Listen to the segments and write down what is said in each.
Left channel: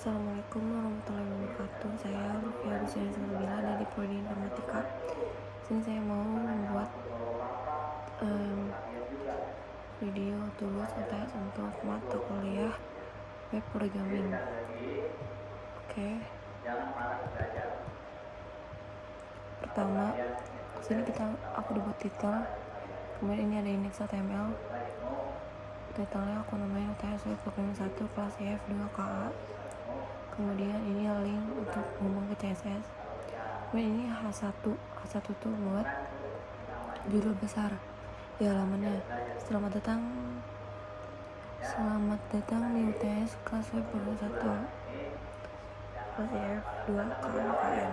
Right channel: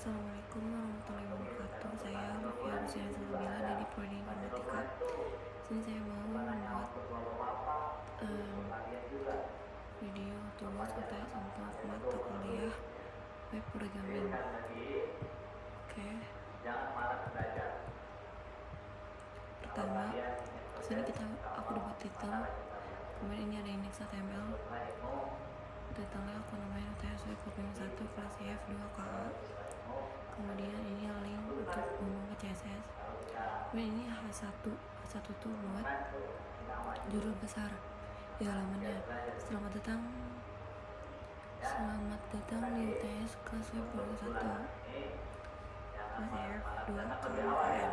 Assalamualaikum warahmatullahi wabarakatuh. Saya Lufia Rizana Salabila dari Prodi Informatika. Sini saya mau membuat video tugas UTS untuk mata kuliah web programming. Oke. Pertama, sini aku buat titel. Kemudian ini ada index HTML. Titlenya aku namain UTS web programming 1 kelas F2 KA. Kemudian ini link untuk hubung ke CSS. Kemudian ini H1 tuh buat judul besar di halamannya. Selamat datang di UTS kelas web programming 1 kelas F2 KN.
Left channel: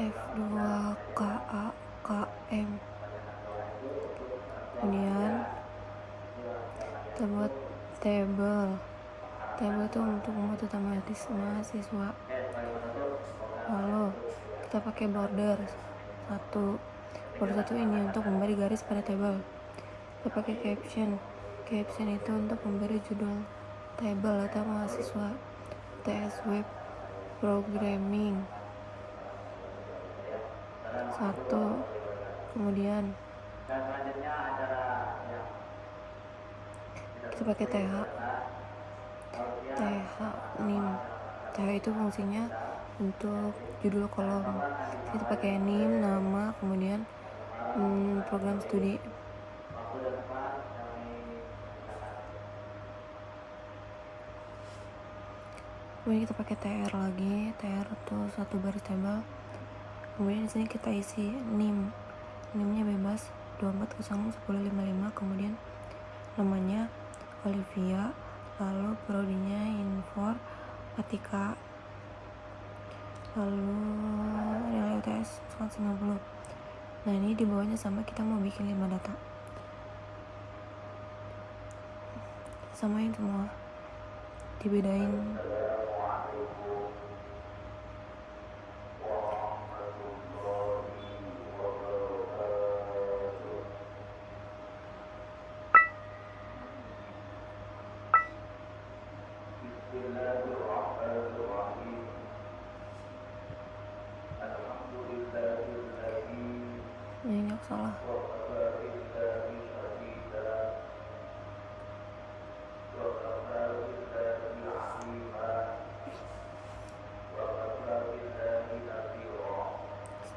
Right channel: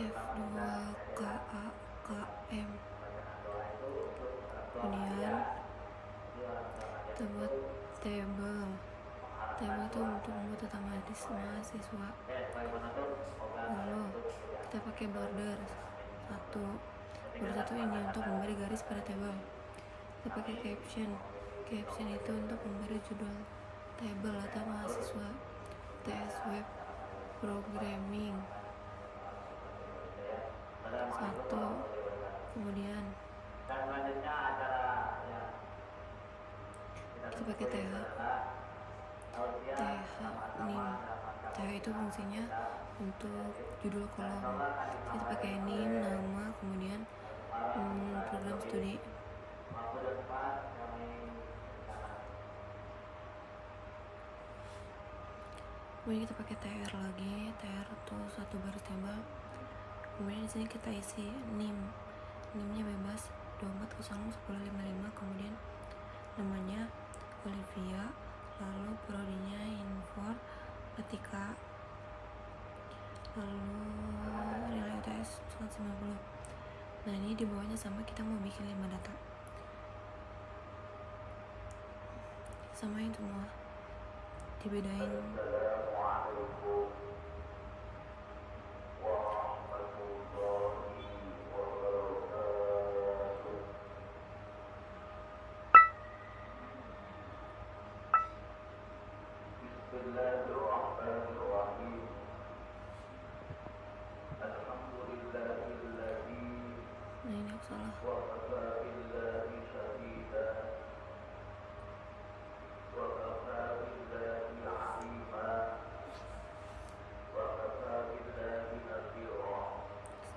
F2 KA KM. Kemudian kita buat table itu untuk membuat otomatis mahasiswa. Lalu kita pakai border satu ini untuk memberi garis pada table. Kita pakai caption itu untuk memberi judul table atau mahasiswa UTS web programming 1. Kemudian kita pakai TH nim. TH itu fungsinya untuk judul kolom. Kita pakai nim, nama, kemudian program studi. Kemudian kita pakai tr lagi. Tr itu satu baris table. Kemudian di sini kita isi nimnya bebas 24011055. Kemudian namanya Olivia, lalu prodinya Informatika, lalu nilai UTS 190. Nah ini di bawahnya sama, kita mau bikin 5 data. Samain semua, dibedain. Bismillahirrahmanirrahim. Alhamdulillahilladzi Ini salah. wa kafa billahi shahida wa kafa billahi alima wa kafa billahi nadhira.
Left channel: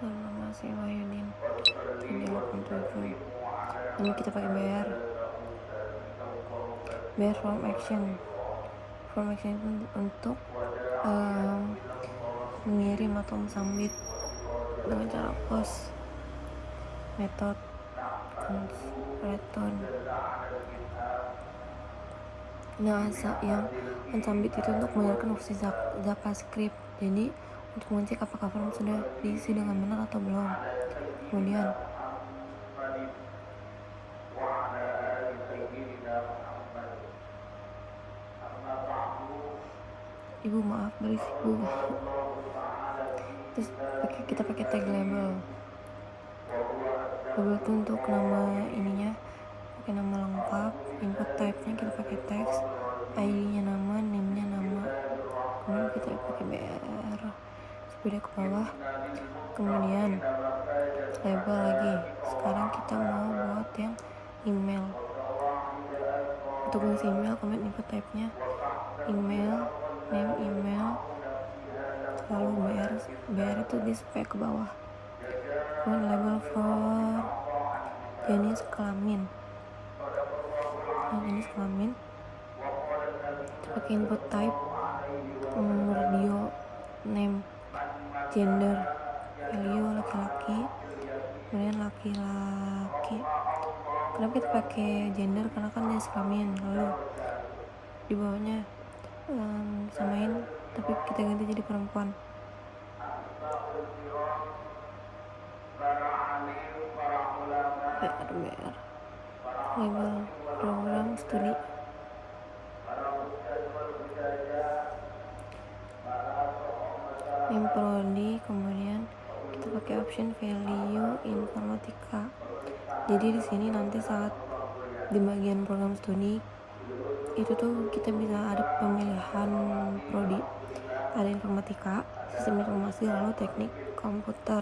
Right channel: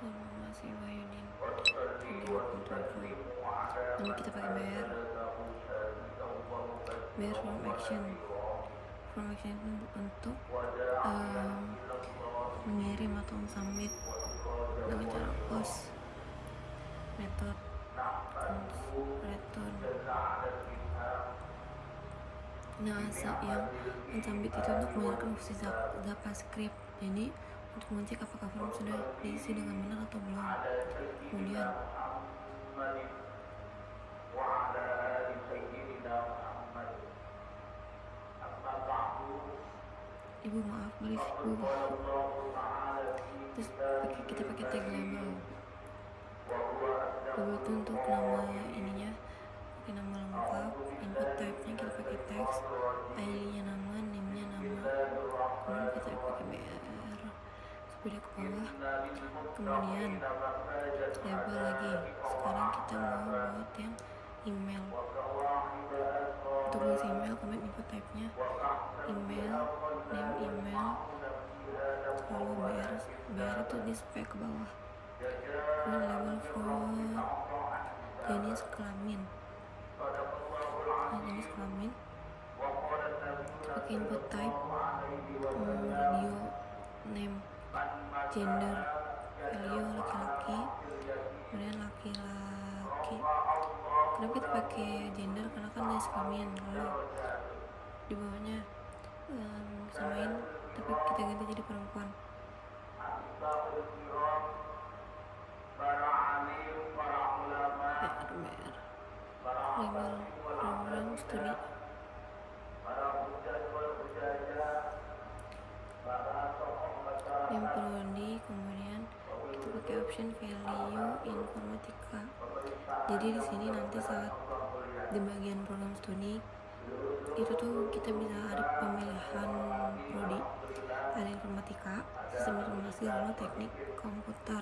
Nama si Wahyudin. Wa salli wa sallimu ala Ini kita pakai bayar form action untuk mengirim atau mensubmit dengan cara post method return. Yang mensubmit itu untuk menggunakan opsi JavaScript. Jadi untuk mengecek apakah form sudah diisi dengan benar atau belum. Kemudian Ibu maaf berisik Bu. Terus kita pakai tag label itu untuk nama ininya, pakai nama lengkap. Input type-nya kita pakai teks, ID-nya nama, name-nya nama. Kemudian kita pakai BR sepeda ke bawah. Kemudian label lagi. Sekarang kita mau buat yang email. Untuk isi email, kemudian input type-nya email, name email, lalu BR itu display ke bawah. Kemudian label for jenis kelamin. Jenis kelamin pakai input type radio, name, gender, value laki-laki, kemudian laki-laki. Kenapa kita pakai gender? Karena kan jenis kelamin. Lalu di bawahnya samain, tapi kita ganti jadi perempuan. Label program studi. Yang prodi, kemudian kita pakai description value informatika. Jadi di sini nanti saat di bagian program studi itu tuh kita bisa ada pemilihan prodi, ada informatika, sistem informasi, lalu teknik komputer.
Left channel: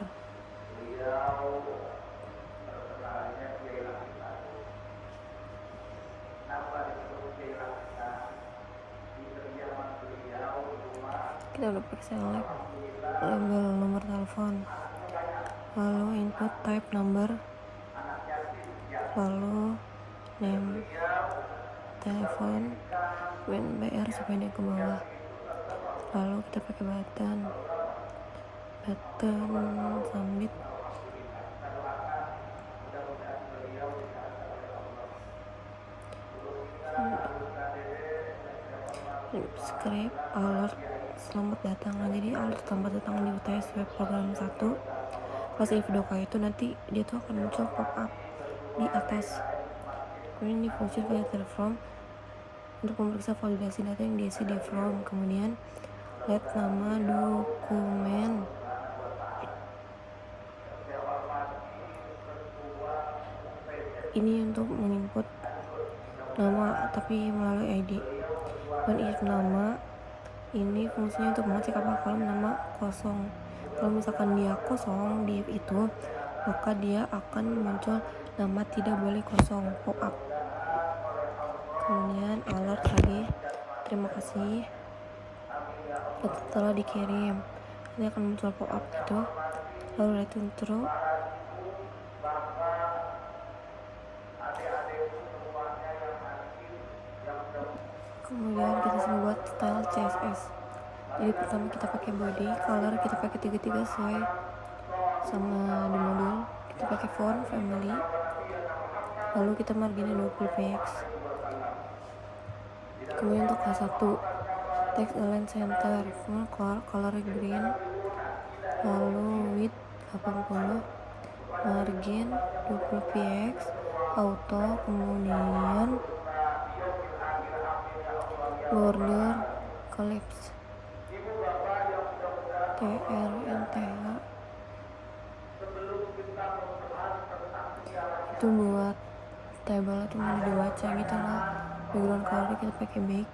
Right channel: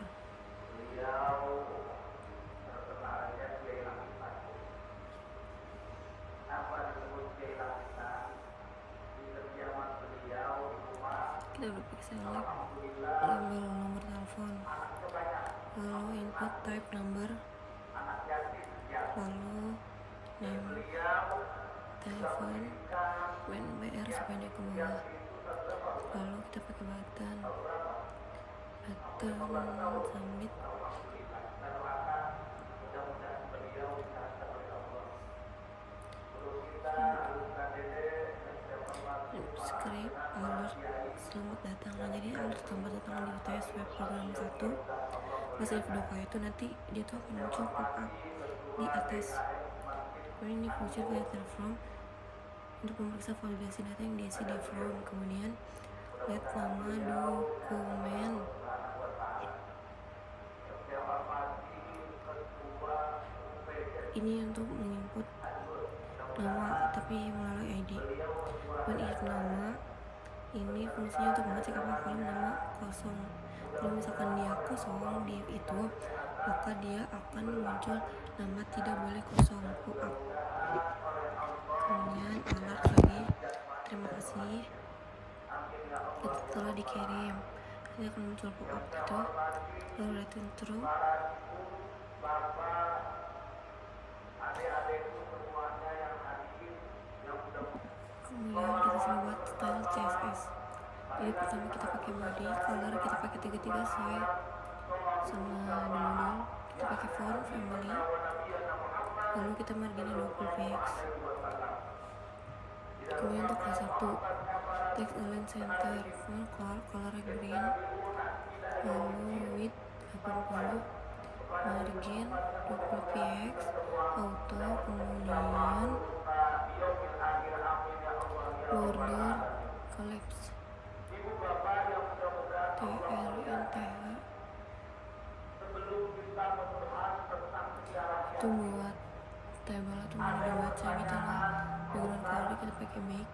Kita udah pakai select label nomor telepon, lalu input type number, lalu name telepon, win BR supaya naik ke bawah, lalu kita pakai button submit. Subscribe alert selamat datang. Nah, jadi alert selamat datang di UTS web program 1 pas video itu nanti dia tuh akan muncul pop up di atas. Kemudian di function validate form untuk memeriksa validasi data yang diisi di form. Kemudian let nama dokumen, ini untuk menginput nama tapi melalui ID. Dan if nama ini fungsinya untuk mengecek apakah kolom nama kosong. Kalau misalkan dia kosong di if itu, maka dia akan muncul nama tidak boleh kosong pop up. Kemudian alert tadi terima kasih telah dikirim, ini akan muncul pop up gitu, lalu return true. Kemudian kita sudah buat style CSS. Jadi pertama kita pakai body, color kita pakai 33 sesuai sama di modul. Kita pakai font family, lalu kita marginnya 20 px. Kemudian untuk H1 text align center, full color green, lalu width 80, margin 20 px, auto, kemudian border collapse TRNTH itu buat table atau mau dibaca gitu lah. Background color kita pakai back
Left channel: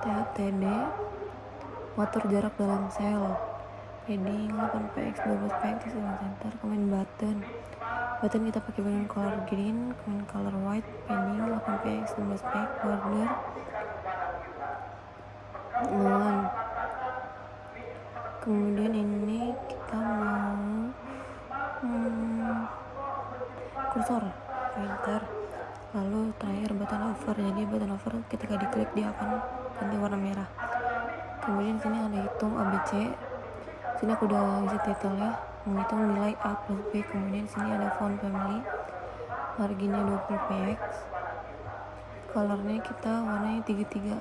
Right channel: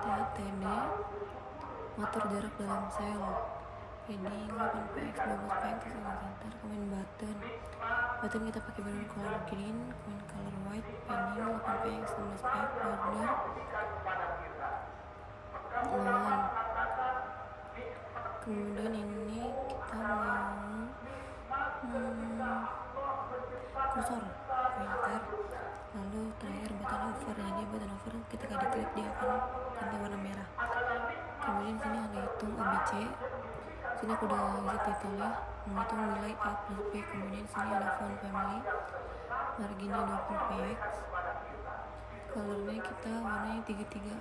TTD, motor jarak dalam sel, padding 8px 12px center. Kemudian button kita pakai background color green, kemudian color white, padding 8px 12px, border non. Kemudian ini kita mau kursor pointer, lalu terakhir button over. Jadi button over ketika diklik dia akan ganti warna merah. Kemudian sini ada hitung ABC, sini aku udah isi title menghitung nilai A plus B. Kemudian sini ada font family, marginnya 20 px, colornya kita warnanya 33.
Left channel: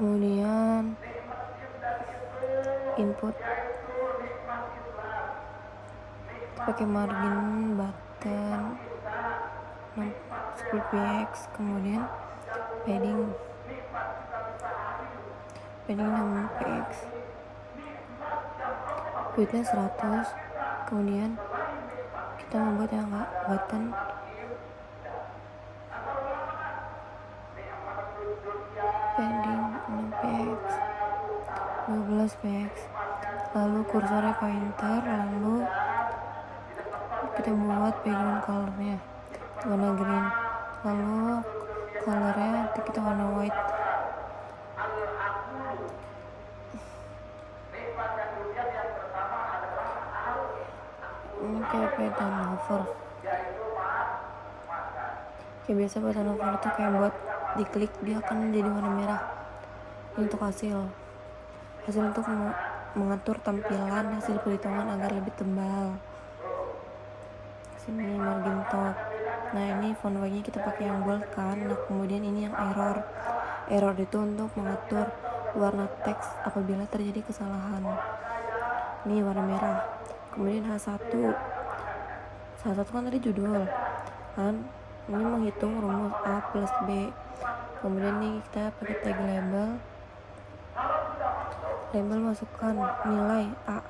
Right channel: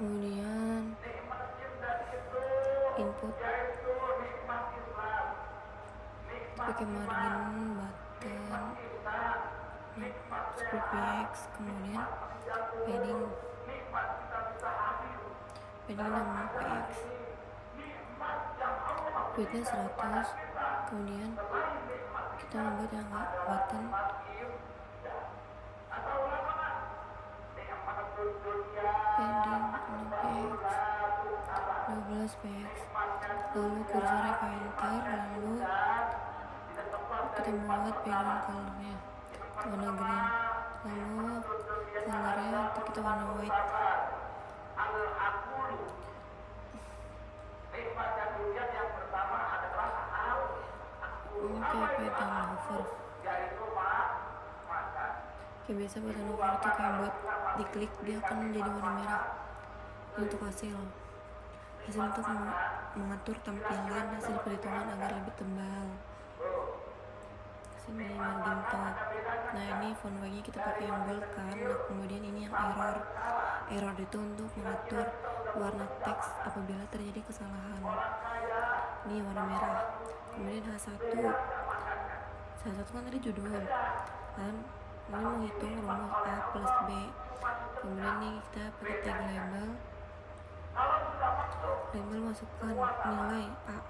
Kemudian input pakai margin button 10 px, kemudian padding 6 px, widthnya 100. Kemudian kita membuat yang button padding 6px 12px, lalu kursornya pointer, lalu kita buat background colornya warna green, lalu colornya nanti kita warna white. Oke, button hover ya, biasa button hover itu kayak buat diklik dia akan menjadi warna merah. Ini untuk hasil untuk mengatur tampilan hasil perhitungan agar lebih tebal. Sini margin top. Nah, ini font Y-nya kita pakai yang bold kan. Nah, kemudian ini yang error itu untuk mengatur warna teks apabila terjadi kesalahan. Ini warna merah. Kemudian H1 kan tadi judul kan, ini menghitung rumus A plus B. Kemudian ini kita pakai tag label, label masukkan nilai A.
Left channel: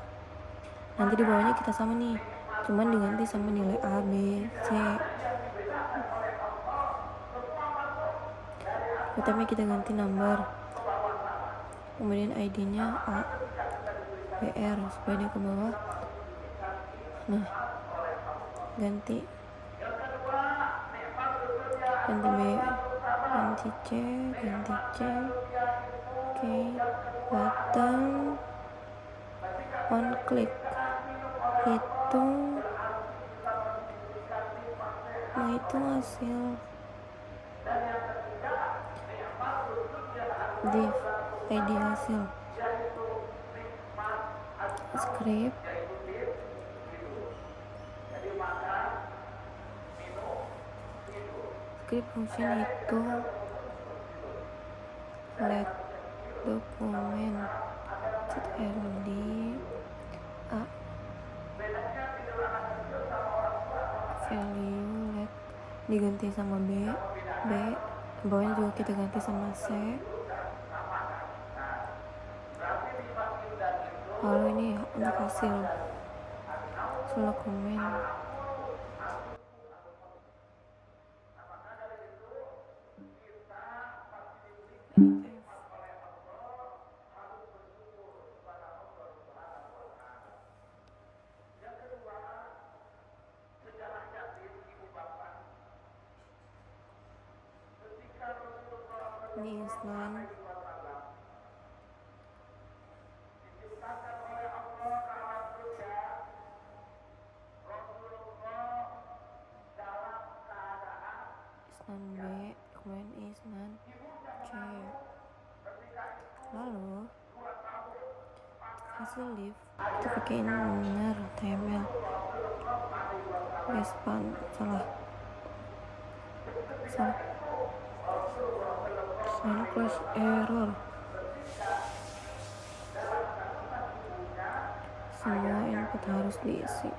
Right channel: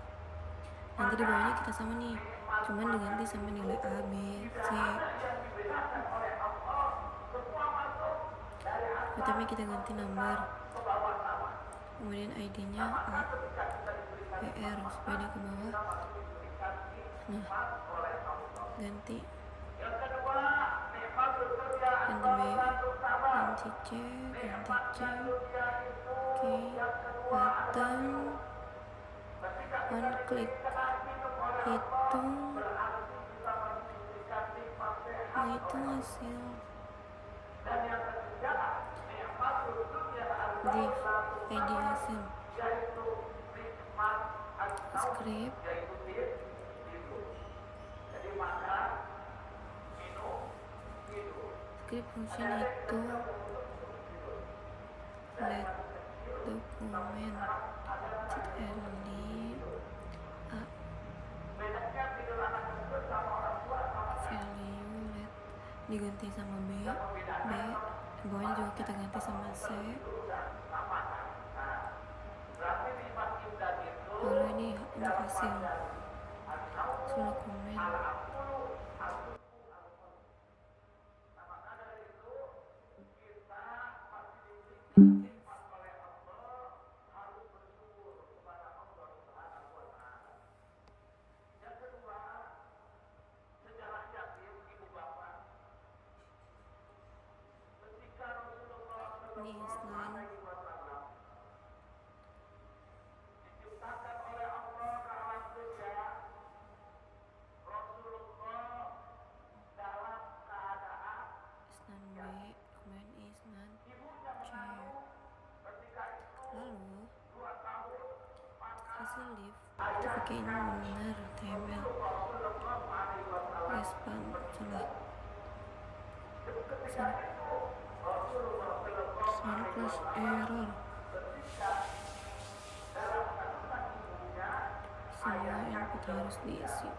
Nanti di bawahnya kita sama nih, cuman diganti sama nilai A, B, C. Pertama kita ganti nomor, kemudian ID-nya A, PR supaya dia ke bawah. Nah, ganti B, ganti C, oke, button, one click, hitung hasil, div ID hasil, script, function itu let dokumen ctrl A, value let diganti sama B, bawahnya juga kita ganti sama C. Lalu ini untuk hasil dokumen, ini Islam. Isnan B, kemudian Isnan C. Lalu hasil div kita pakai ini benar HTML. Respan salah sign class error. Semua input harus diisi.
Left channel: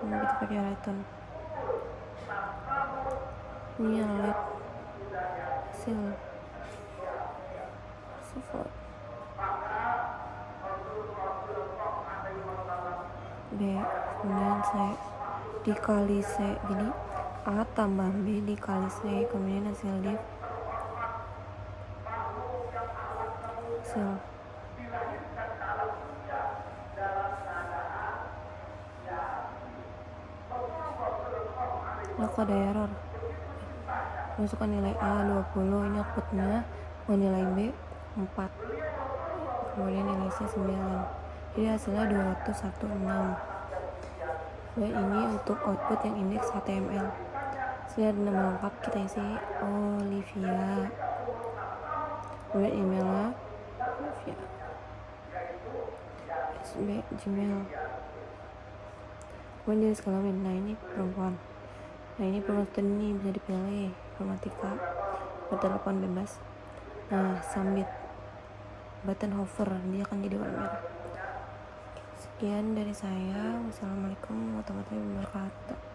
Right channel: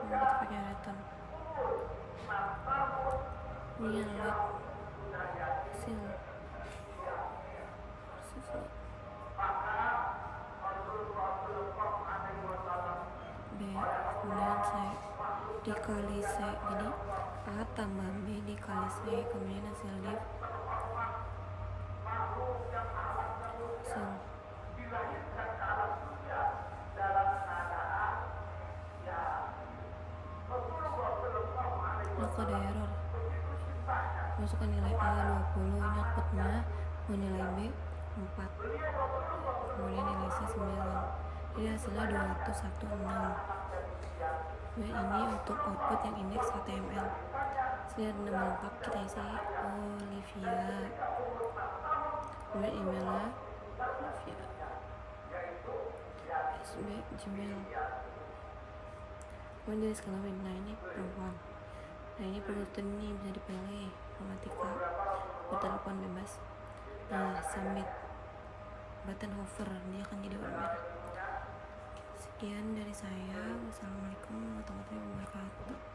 Ini kita pakai item. Ini yang let hasil B, kemudian C dikali C, jadi A tambah B dikali C, kemudian hasil div hasil. Nah, kode error masukkan nilai A 20, ini outputnya nilai B 4, kemudian nilai C 9, jadi hasilnya 216. Dan ini untuk output yang indeks HTML. Saya ada nama lengkap, kita isi Olivia, kemudian emailnya Olivia @gmail. Kemudian jenis kelamin, nah ini perempuan. Nah ini promotion ini bisa dipilih informatika, bertelepon bebas. Nah submit, button hover dia akan jadi warna merah. Sekian dari saya. Wassalamualaikum warahmatullahi wabarakatuh.